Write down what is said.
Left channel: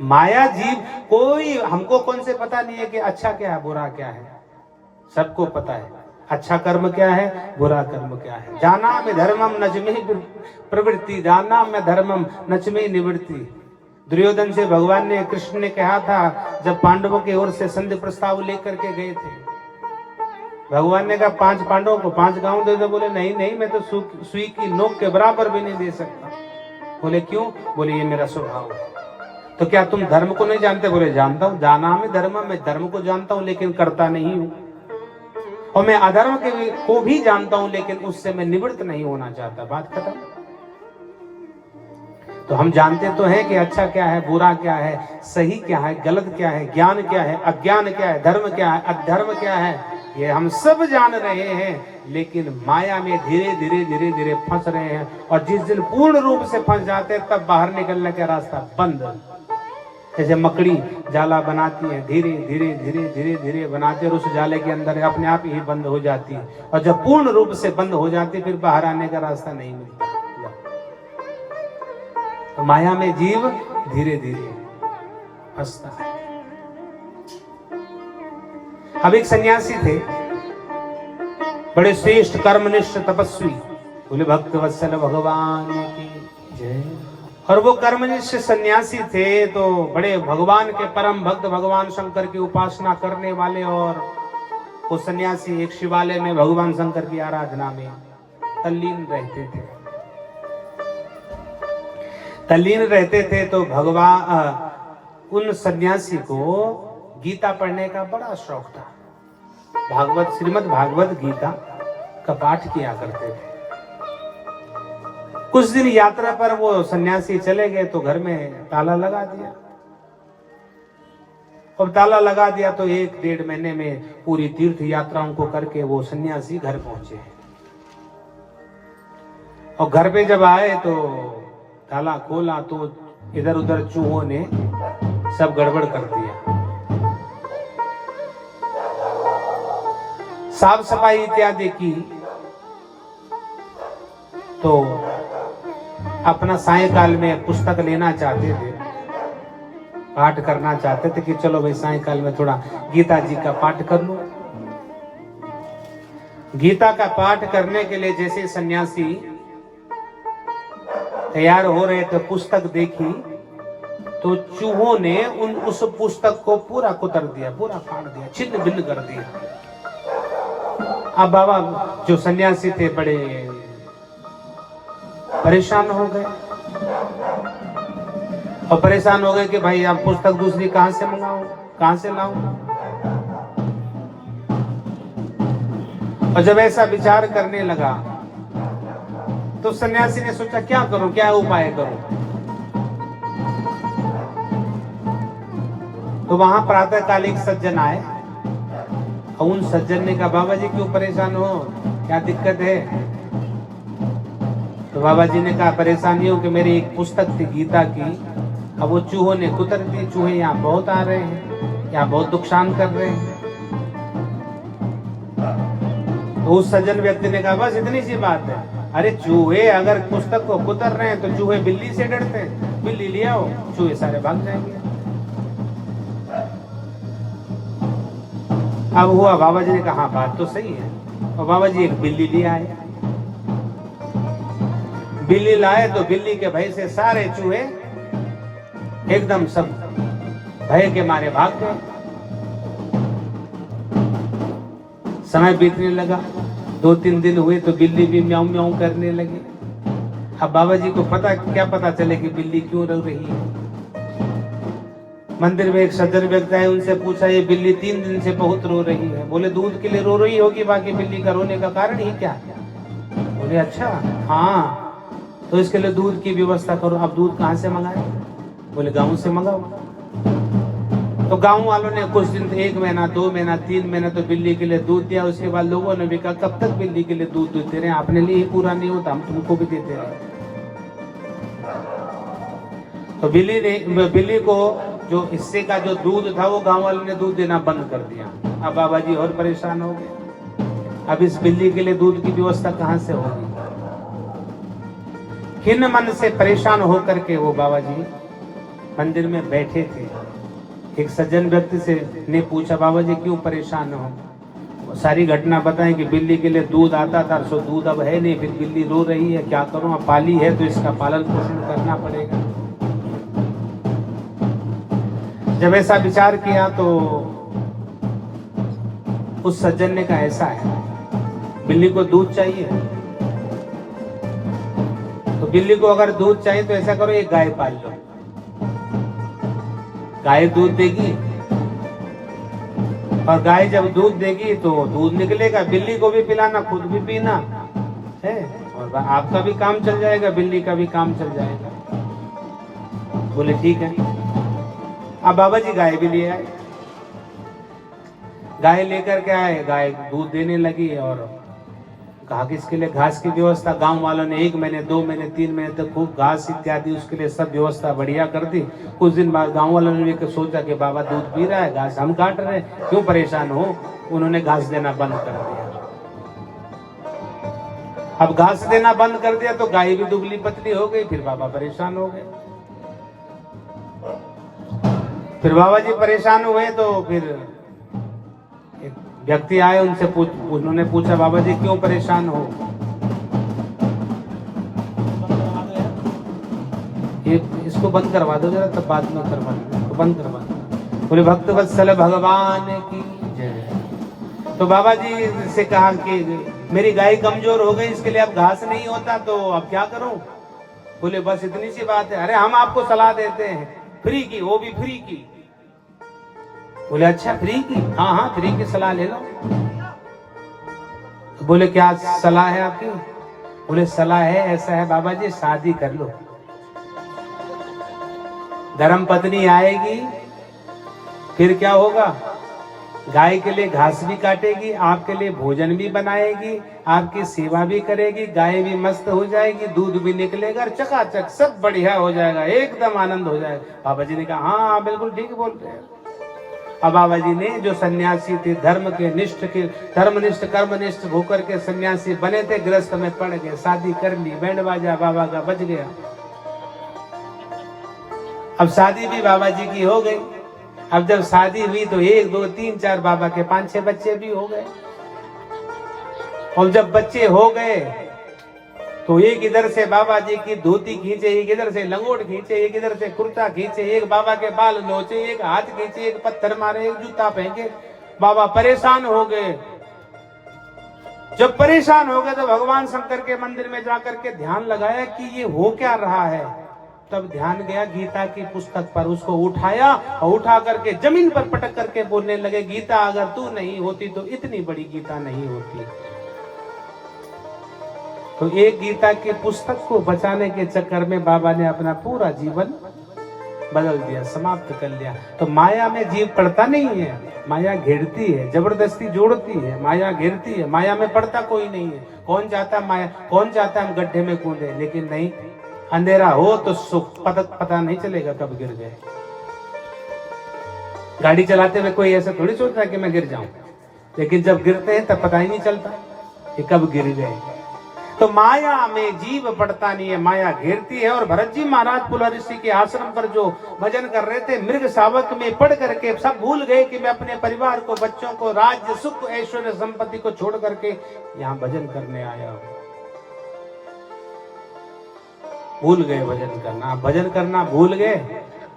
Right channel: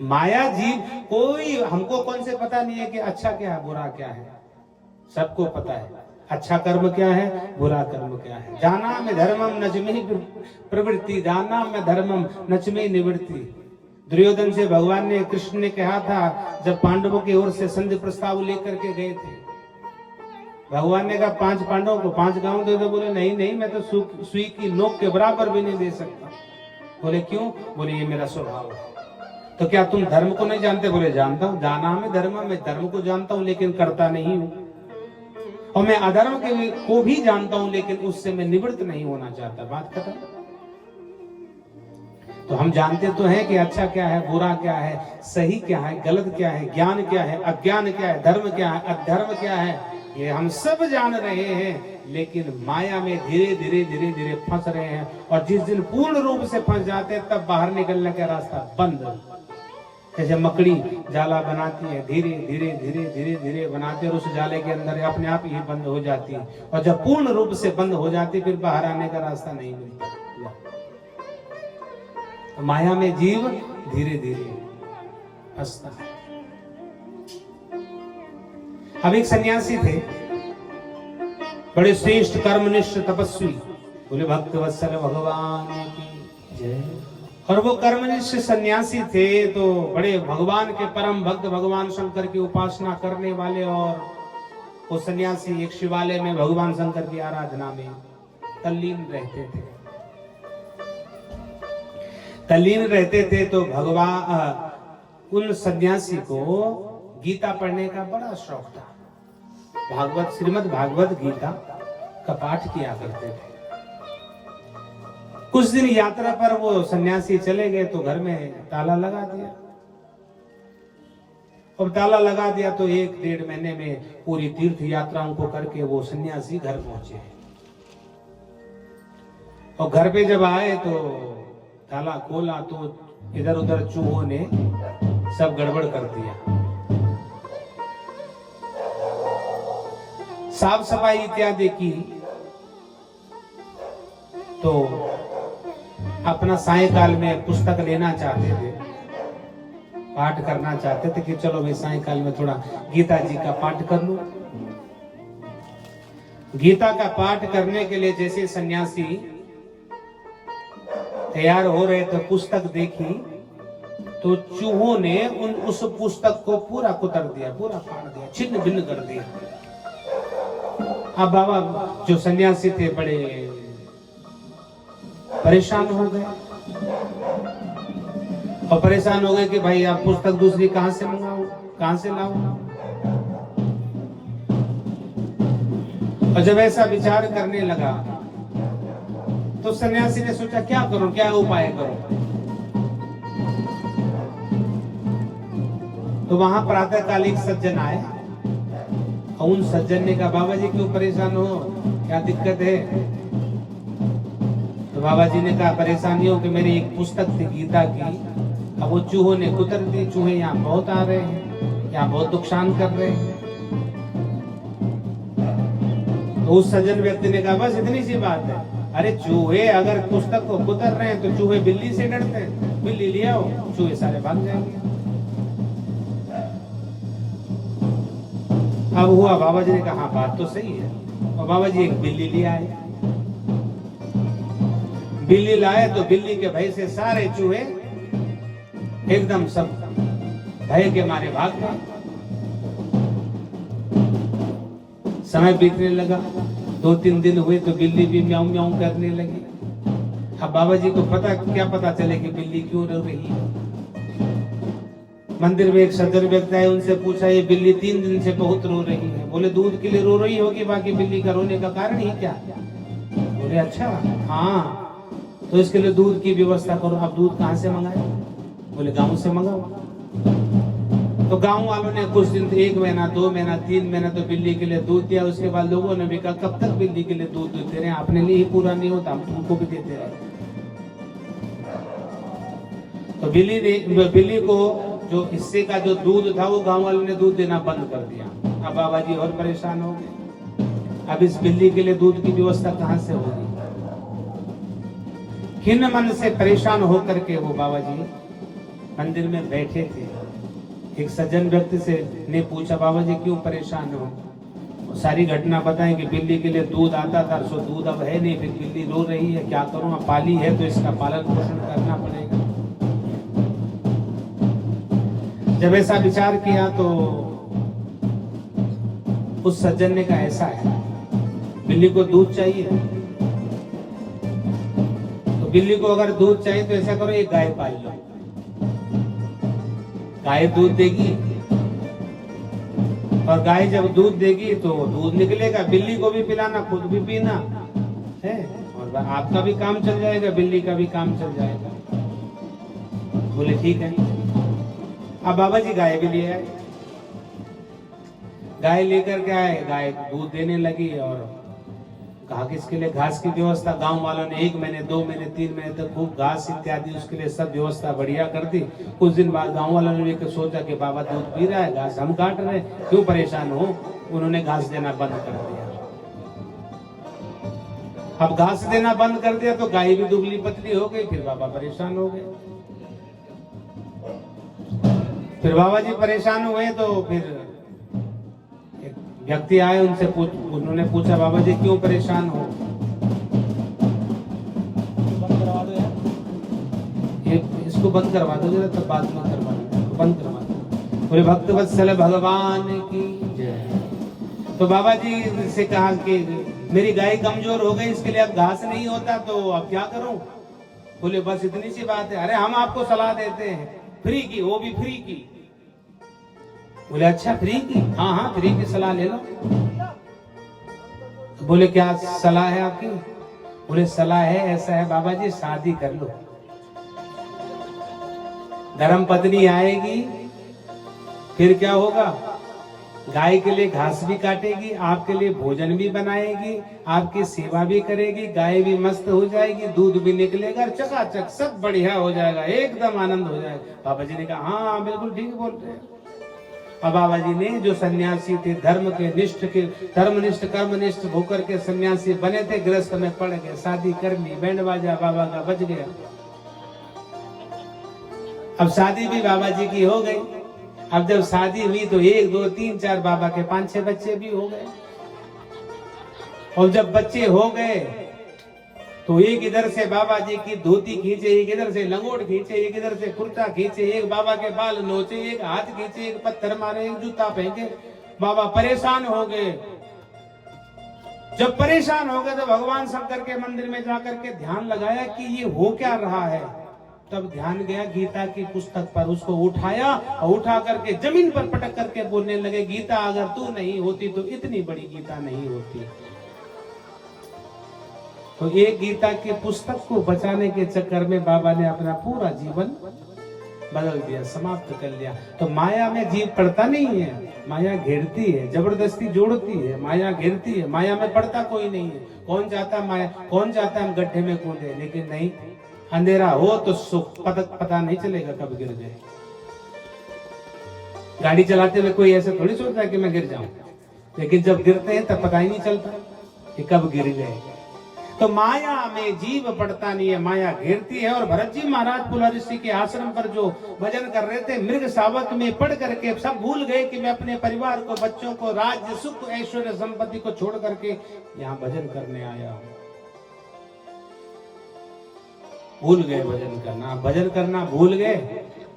माया जीव कोई, हमको कौन से पता नहीं है कि अच्छा क्या है बुरा क्या है, सबको पता है अच्छा कर्म क्या है बुरा कर्म क्या है। जाना में धर्मम नचमे प्रवृत्ति, जाना में धर्मम नचमे निवृत्ति। दुर्योधन से भगवान ने, कृष्ण ने कहा था जब पांडवों की ओर से संधि प्रस्ताव लेकर के गए थे, भगवान ने कहा 5 पांडवों को 5 गांव दे दो। बोले नहीं नहीं, मैं तो सुई की नोक के बराबर भी नहीं दे सकता। बोले क्यों? बोले ये मेरा स्वभाव है। तो क्या तुम धर्म को नहीं जानते? बोले जानता हूं, जाना हमें धर्म, मैं धर्म को जानता हूं लेकिन करता नहीं हूं, और मैं अधर्म को भी जानता हूं लेकिन उससे मैं निवृत्त नहीं होना चाहता। बात खत्म। तो हम जानते तो हैं कि अच्छा क्या है बुरा क्या है, सही क्या है गलत क्या है, ज्ञान क्या है अज्ञान क्या है, धर्म क्या है अधर्म क्या है, ये हम सब जान रहे हैं, लेकिन माया में धीरे धीरे धीरे धीरे फंस रहे हैं। और जिस दिन पूर्ण रूप से फंस जाते हैं तब बाहर निकलने का रास्ता बंद। जैसे मकड़ी जाला बनाती है, धीरे धीरे धीरे धीरे धीरे बनाते, और उस जाले के अंदर अपने आप ही बंद हो जाती है, और जब पूर्ण रूप से बंद हो जाती है फिर बाहर आने का रास्ता नहीं मिलता। तो माया में जीव धीरे धीरे फंसता है। अब एक सन्यासी थे, बड़े श्रेष्ठ कर्मनिष्ठ तपस्वी, बोले भक्त वत्सल भगवान की जय। और वो कर्मनिष्ठ सन्यासी थे तो बड़े भगवान के परम भक्त, भगवान शंकर की उपासना करने वाले। और वो सन्यासी एक शिवालय में भगवान शंकर की आराधना में तल्लीन रहते थे। तल्लीन रहते थे तो भगवान उन सन्यासी को गीता पढ़ने का बड़ा शौक था। भागवत, श्रीमद् भागवत गीता का पाठ किया करते थे। कुछ दिन यात्रा पर वो सन्यासी चले गए तो घर में ताला लगा दिया। और ताला लगा दिया तो 1-1.5 महीने में पूरी तीर्थ यात्राओं को करके वो सन्यासी घर पहुंचे। और घर पे जब आए तो ताला खोला तो इधर उधर चूहों ने सब गड़बड़ कर दिया। साफ सफाई इत्यादि की तो अपना सायंकाल में पुस्तक लेना चाहते थे, पाठ करना चाहते थे कि चलो भाई सायंकाल में थोड़ा गीता जी का पाठ कर लूं। गीता का पाठ करने के लिए जैसे सन्यासी तैयार हो रहे थे, पुस्तक देखी तो चूहों ने उस पुस्तक को पूरा कुतर दिया, पूरा फाड़ दिया, छिन्न भिन्न कर दिया। अब बाबा जो सन्यासी थे बड़े परेशान हो गए, और परेशान हो गए कि भाई आप पुस्तक दूसरी कहां से मंगाऊं, कहां से लाऊं। और जब ऐसा विचार करने लगा तो सन्यासी ने सोचा क्या करूं, क्या उपाय करूं। तो वहां प्रातःकालिक सज्जन आए और उन सज्जन ने कहा बाबा जी क्यों परेशान हो, क्या दिक्कत है। तो बाबा जी ने कहा परेशानी हो कि मेरी एक पुस्तक थी गीता की, अब वो चूहों ने कुतर दी। चूहे यहाँ बहुत आ रहे हैं, यहाँ बहुत नुकसान कर रहे हैं। तो उस सज्जन व्यक्ति ने कहा बस इतनी सी बात है। अरे चूहे अगर पुस्तक को कुतर रहे हैं तो चूहे बिल्ली से डरते हैं, बिल्ली ले आओ, चूहे सारे भाग जाएंगे। अब हुआ, बाबा जी ने कहा बात तो सही है, और बाबा जी एक बिल्ली ले आए। बिल्ली लाए तो बिल्ली के भय से सारे चूहे एकदम सब भय के मारे भाग गए। समय बीतने लगा, 2-3 दिन हुए तो बिल्ली भी म्याऊं म्याऊं करने लगी। अब बाबा जी को क्या पता चले कि बिल्ली क्यों रो रही है। मंदिर में एक सज्जन व्यक्ति आए, उनसे पूछा ये बिल्ली 3 दिन से बहुत रो रही है। बोले दूध के लिए रो रही होगी, बाकी बिल्ली का रोने का कारण ही क्या है। बोले अच्छा हाँ, तो इसके लिए दूध की व्यवस्था करो। अब दूध कहाँ से मंगाए। बोले गांव से मंगाओ। तो गांव वालों ने कुछ दिन, 1 महीना 2 महीना 3 महीना तो बिल्ली के लिए दूध दिया। उसके बाद लोगों ने भी कहा कब तक बिल्ली के लिए दूध देते रहे, अपने लिए ही पूरा नहीं होता, हम तुमको भी देते रहे। तो बिल्ली को जो हिस्से का जो दूध था वो गांव वालों ने दूध देना बंद कर दिया। अब बाबा जी और परेशान हो गए, अब इस बिल्ली के लिए दूध की व्यवस्था कहां से होगी। खिन्न मन से परेशान होकर के वो बाबा जी मंदिर में बैठे थे। एक सज्जन व्यक्ति से ने पूछा, बाबा जी क्यों परेशान हो? सारी घटना बताएं कि बिल्ली के लिए दूध आता था, सो दूध अब है नहीं, फिर बिल्ली रो रही है, क्या करूं, अब पाली है तो इसका पालन पोषण करना पड़ेगा। जब ऐसा विचार किया तो उस सज्जन ने कहा, ऐसा है, बिल्ली को दूध चाहिए, तो बिल्ली को अगर दूध चाहिए तो ऐसा करो, एक गाय पाल लो, गाय दूध देगी, और गाय जब दूध देगी तो दूध निकलेगा, बिल्ली को भी पिलाना, खुद भी पीना है, और आपका भी काम चल जाएगा, बिल्ली का भी काम चल जाएगा। बोले ठीक है। अब बाबा जी गाय भी ले आए, गाय लेकर के आए, गाय दूध देने लगी, और कहा कि इसके लिए घास की व्यवस्था, गांव वालों ने 1 महीने 2 महीने 3 महीने तक खूब घास इत्यादि उसके लिए सब व्यवस्था बढ़िया कर दी। कुछ दिन बाद गांव वालों ने सोचा कि बाबा दूध पी रहा है, घास हम काट रहे हैं, क्यों परेशान हो, उन्होंने घास देना बंद कर दिया। अब घास देना बंद कर दिया तो गाय भी दुबली पतली हो गई, फिर बाबा परेशान हो गए। फिर बाबा जी परेशान हुए तो फिर व्यक्ति आए, उन्होंने पूछा, बाबा जी क्यों परेशान हो? इसको बंद करवा दो जरा, तब बाद में करवा दो, बंद करवा दो। बोले भक्त वत्सल भगवान की जय। तो बाबा जी से कहा कि मेरी गाय कमजोर हो गई, इसके लिए अब घास नहीं होता, तो अब क्या करूं? बोले बस इतनी सी बात है। अरे हम आपको सलाह देते हैं फ्री की, वो भी फ्री की। बोले अच्छा फ्री की? हाँ हाँ फ्री की सलाह ले लो। तो बोले क्या सलाह है आपकी? बोले सलाह है, ऐसा है बाबा जी, शादी कर लो, धर्म पत्नी आएगी, फिर क्या होगा, गाय के लिए घास भी काटेगी, आपके लिए भोजन भी बनाएगी, आपकी सेवा भी करेगी, गाय भी मस्त हो जाएगी, दूध भी निकलेगा, चकाचक सब बढ़िया हो जाएगा, एकदम आनंद हो जाएगा। बाबा जी ने कहा हाँ बिल्कुल ठीक बोलते हैं। अब बाबा जी ने, जो सन्यासी थे, धर्मनिष्ठ कर्मनिष्ठ होकर के सन्यासी बने थे, गृहस्थ में पड़ गए, शादी कर ली, बैंड बाजा बाबा का बज गया। अब शादी भी बाबा जी की हो गई। अब जब शादी हुई तो 1 2 3 4 बाबा के 5 6 बच्चे भी हो गए। और जब बच्चे हो गए तो एक इधर से बाबा जी की धोती खींचे, एक इधर से लंगोट खींचे, एक इधर से कुर्ता खींचे, एक बाबा के बाल नोचे, एक हाथ खींचे, एक पत्थर मारे, एक जूता फेंके। बाबा परेशान हो गए। जब परेशान हो गए तो भगवान शंकर के मंदिर में जाकर के ध्यान लगाया कि ये हो क्या रहा है। तब ध्यान गया गीता की पुस्तक पर, उसको उठाया और उठा करके जमीन पर पटक करके बोलने लगे, गीता अगर तू नहीं होती तो इतनी बड़ी गीता नहीं होती। तो एक गीता की पुस्तक को बचाने के चक्कर में बाबा ने अपना पूरा जीवन बदल दिया, समाप्त कर लिया। तो माया में जीव पड़ता नहीं है, माया घेरती है, जबरदस्ती जोड़ती है, माया घेरती है, माया में पड़ता कोई नहीं है। कौन चाहता माया, कौन चाहता हम गड्ढे में कूदे, लेकिन नहीं, अंधेरा हो तो सुख पता नहीं चलेगा कब गिर गए। गाड़ी चलाते हुए कोई ऐसा थोड़ी सोचता कि मैं गिर जाऊं, लेकिन जब गिरते हैं तब पता ही नहीं चलता कि कब गिर गए। तो माया में जीव पड़ता नहीं है, माया घेरती है। और भरत जी महाराज पुला ऋषि के आश्रम पर जो भजन कर रहे थे, मृग शावक में पढ़ करके सब भूल गए कि मैं अपने परिवार को, बच्चों को, राज्य सुख ऐश्वर्य संपत्ति को छोड़ करके यहाँ भजन करने आया हूं। भूल गए भजन करना, भजन करना भूल गए